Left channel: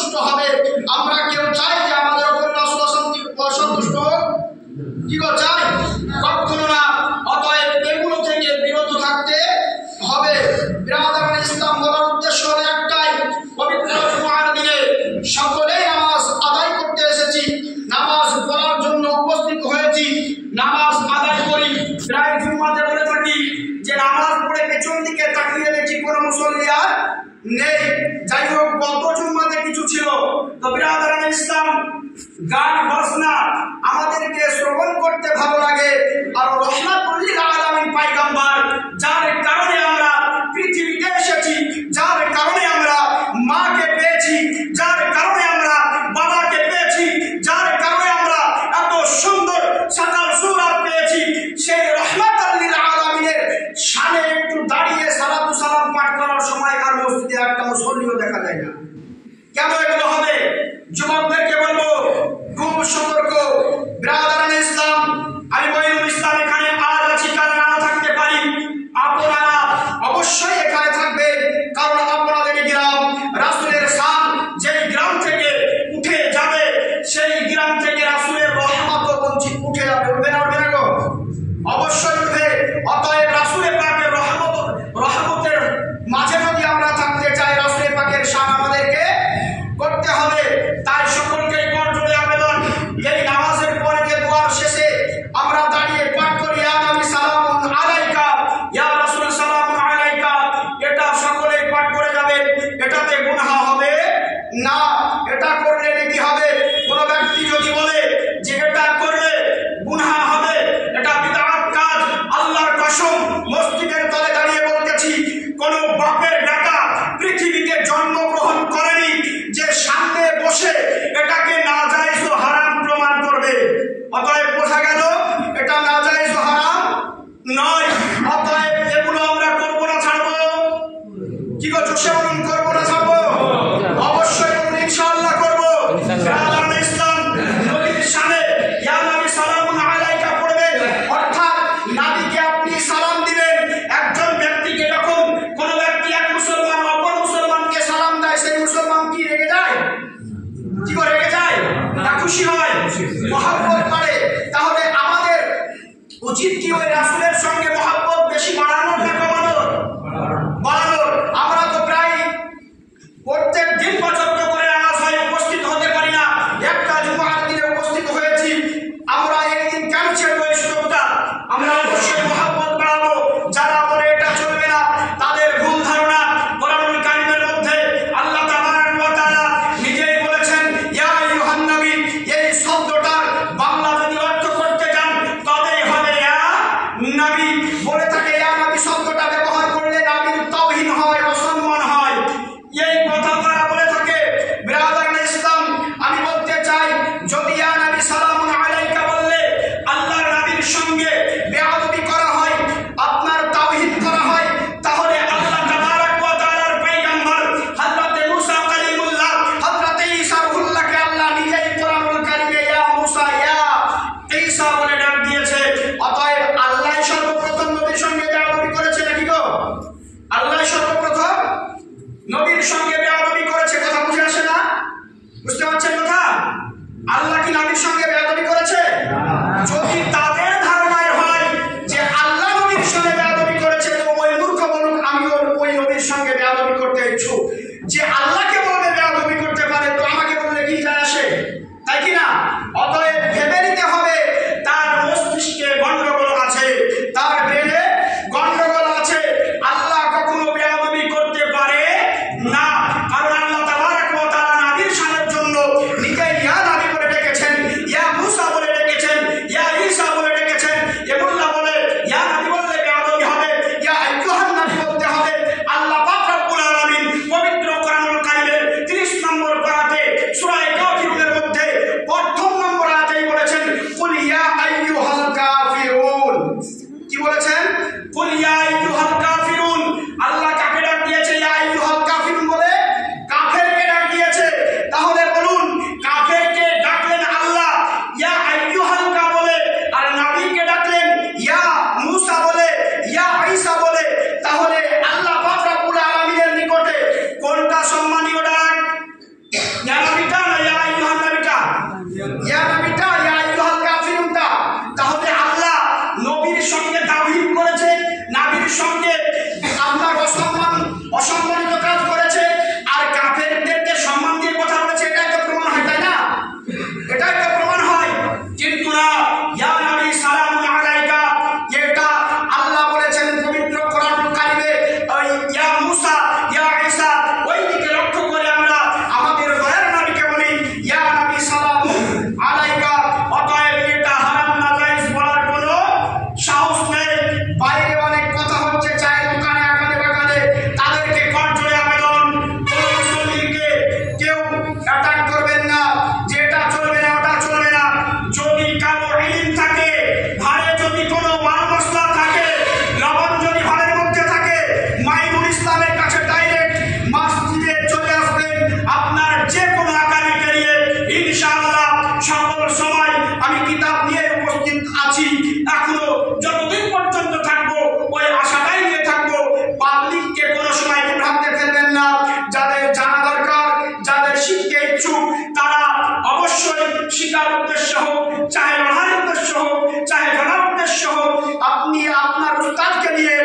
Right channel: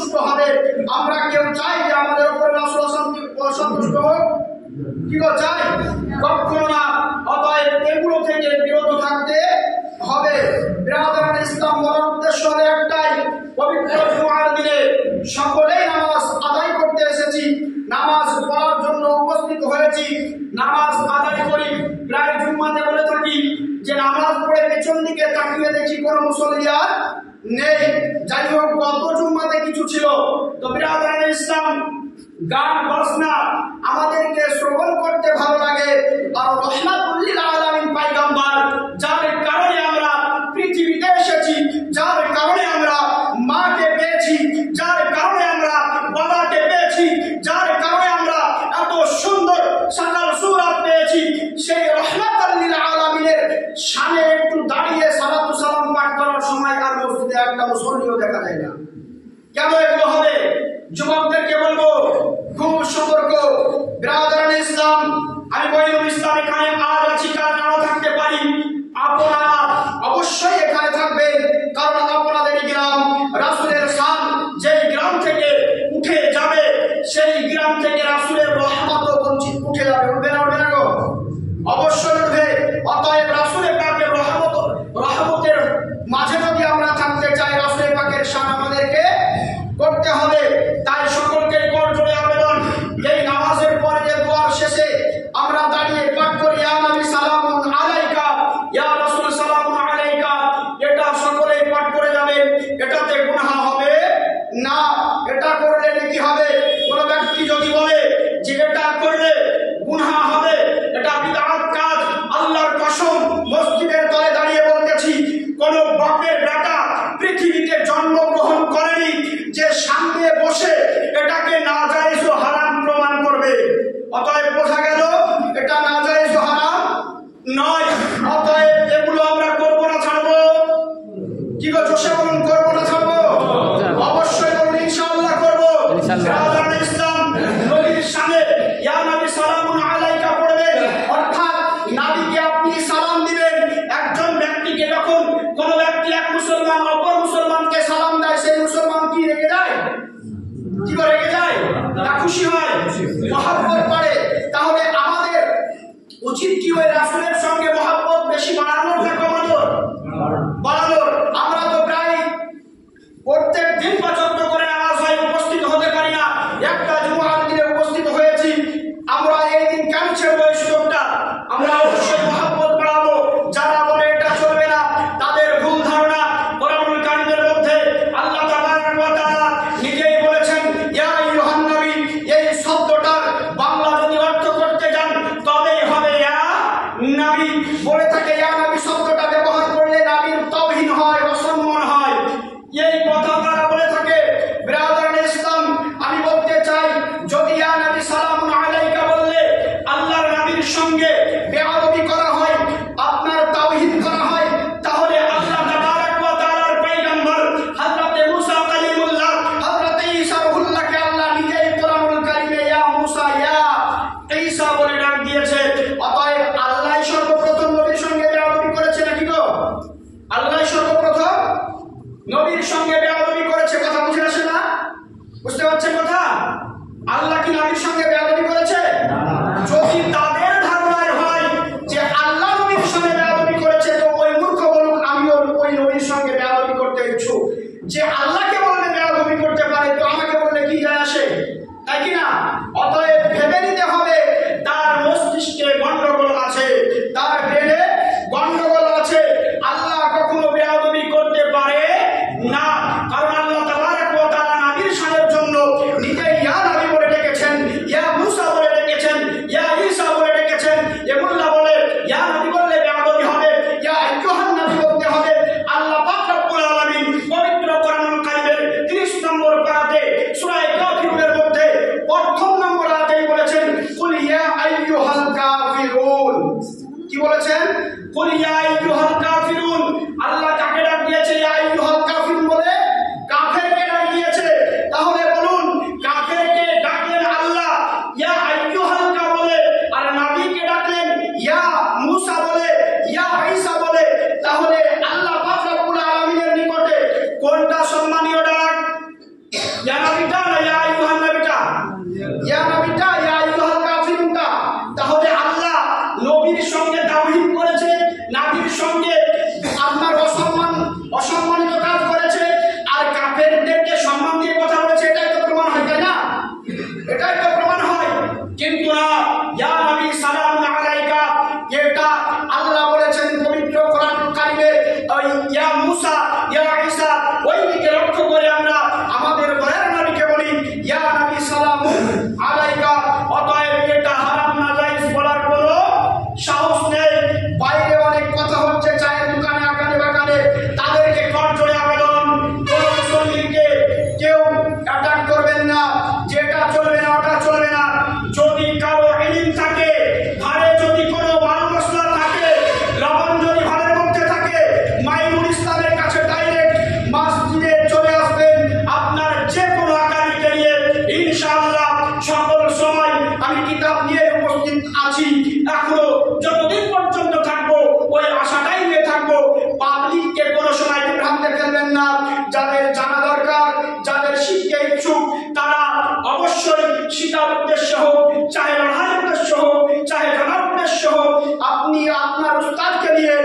অসন্তুষ্ট হবে। আমরা কেউ চাই যে আমাদের উপর রাসূল অসন্তুষ্ট হোক? কি গো চাই? কখনো না। অতএব এগুলো থেকে বিরত থাকতে হবে। বিরাদরান ইসলাম বলার উদ্দেশ্য হলো একটাই, পবিত্র জুমার দিনে সকলেই নামাজ আদায় করতে এসেছি, নামাজ পড়ার জন্য উপস্থিত হয়েছি, নামাজ আদায় করি। প্রায় জুম্মাতে বলে থাকি যে নামাজ পড়ে পেছন দিকে তাকিয়ে দেখি কোনো মুসল্লি আর নেই। যাই হোক, গত জুম্মাতে কিছু ছিল। তো বিরাদরান ইসলাম, গান বাজনা আমাদেরকে শ্রবণ করতে ভালো লাগে। আর রাহমাতুল লিল আলামিন পয়গম্বর, যার কারণে আমরা পৃথিবীতে এসেছি, যার কারণে আমরা মাকে পেয়েছি, যার কারণে আমরা বাবাকে পেয়েছি, যার কারণে আমরা এত সুন্দর সাকাল সুরাত পেয়েছি, সেই রাহমাতুল লিল আলামিনের শানে একটু দাঁড়িয়ে সালাতু সালাম পাঠ করার সময় আর মসজিদে একটা মুসল্লিও দেখা যায় না। কেন এগুলো হবে? যুবকদেরকে বলবো, খুব সতর্ক। বিরাদরান ইসলাম, আমি মঈনুল ইসলাম এখানে আজ আছি, কাল নাও থাকতে পারি। আপনারা অবশ্যই এখানে থাকবেন, কারণ আপনাদের গ্রাম রাসূলের শান যেই গ্রাম থেকে উঠে যাবে, সেই গ্রাম থেকে রাসূলের রহমতও বঞ্চিত উঠে যাবে। উঠবে না? উঠবে না গো? অবশ্যই উঠবে। অতএব রাসূলের পাকের রহমতের মাঝে যদি আমরা থাকতে চাই, রাসূলের পাকের শান আমাদেরকে করতে হবে। তাই সকলকে করজোড়ে আবেদন, এই নামাজের পরে যে দোয়ার শেষে আমরা দাঁড়িয়ে পাঠ করি ইয়া নবী সালামুন আলাইকা, ইয়া রাসূল সালামুন আলাইকা, এটা সকলেই পাঠ করে যাবেন। এটাতে গুনাহ হবে না। এটা করলে কি হবে? কোনো ব্যক্তি যদি বলে যে এটা করলে গুনাহ হবে, এটা বিদআত কাজ, আল্লাহর কসম মসজিদের তলে দাঁড়িয়ে বলতেছি, কোন বাপের বেটা পৃথিবীতে জন্মগ্রহণ করেনি যে সামনে বসে এটাকে নাজায়েজ ও হারাম প্রমাণ করবে। অতএব বোঝা গেল এটা নাজায়েজ ও হারাম নয়। অতএব এগুলো আমরা করবো না ছাড়বো? কি গো জোশে বলুন, করবো না ছাড়বো? অবশ্যই করবো, ইনশাআল্লাহ করবো। বিরাদরান ইসলাম, নবীর শানে ইয়া নবী সালামুন আলাইকা পড়বেন, অর্থাৎ নবীকে আপনি সালাম দিবেন। একজন ব্যক্তিকে যখন কোন ব্যক্তি, এক মুসলমান অপর মুসলমানকে সালাম দেয়, সেই মুসলমান কি রেগে যায়? কি করে রেগে যায়? না খুশি হয়, মহব্বত বাড়ে। তাহলে আমাদের উচিত কি ওই রাসূলের সঙ্গে মহব্বত বেশি বাড়ানোর না কমানোর? বাড়ানোর। আমরা তো প্রায় প্রত্যেক দিন 75 করে নামাজ হয়, উপস্থিত হতে পারি না। একটা জুমার দিনে উপস্থিত হয়েছি। আমরা এই দিন কেন ছেড়বো এই সুযোগটা? আমরা অবশ্যই মহব্বত বাড়াবো। যারা বলে এটা চলবে না, তাদের ভুল ধারণা। কোরআনুল কারীমের মধ্যে আল্লাহ তাবারক ওয়া তাআলা নিজেই বলেছেন ইয়া আইয়ুহান নবী, এই শব্দটার বাংলা যদি অর্থ করতে যান তবেই হবে ইয়া নবী। বলে থাকে ইয়া নবী শব্দটা ব্যবহার করলে নবীর তাওহীন হয়, অসম্মান হয়, এই কথা তারা বলে থাকে। বিরাদরান ইসলাম, আমি বলতে চাই, যদি ইয়া নবী সালামুন আলাইকা বললে আল্লাহর নবীর সঙ্গে বেয়াদবি করা হয়, আপনার তাওহীদ করা হয়, তাহলে আল্লাহ তাবারক ওয়া তাআলার পয়গম্বর হযরতে মুসা কালিমুল্লাহ, হযরতে ঈসা রূহুল্লাহকে আল্লাহ নিজেই কোরআনুল কারীমে ইয়া মুসা ইয়া ঈসা বলে ডাক দিয়েছে। অতএব আল্লাহই সর্বপ্রথম নবীর সঙ্গে বেয়াদবি করেছে নাকি গো? আল্লাহই সর্বপ্রথম নবীর সঙ্গে বেয়াদবি করেছে। কথা বুঝে আসে না? বুঝতে পারছেন কথা? আল্লাহ কি নবীর সঙ্গে বেয়াদবি করেছে? যদি তাদের ধারণায় হয় যে আল্লাহ নবীর সঙ্গে বেয়াদবি করেছে, তো ওই মূর্খ বলুক আমিও ওই নবীর সঙ্গে বেয়াদবি করতে ইচ্ছুক। যে আল্লাহকে বললে বেয়াদবি করতে পারে, তো আমাকে বললে কি যায় আসে? তাই কি না? অতএব ভেবে নিতে হবে তার মস্তিষ্কে গন্ডগোল আছে, তার ব্রেনে গন্ডগোল আছে। আল্লাহ কখনো বেয়াদবি করতে পারে না, কারণ আল্লাহ তাবারক ওয়া তাআলা নবীর শানের জন্য নিজেই ইয়া নবী বলে ডেকেছেন। ইয়া আপনি আপনার উস্তাদকে নিয়ে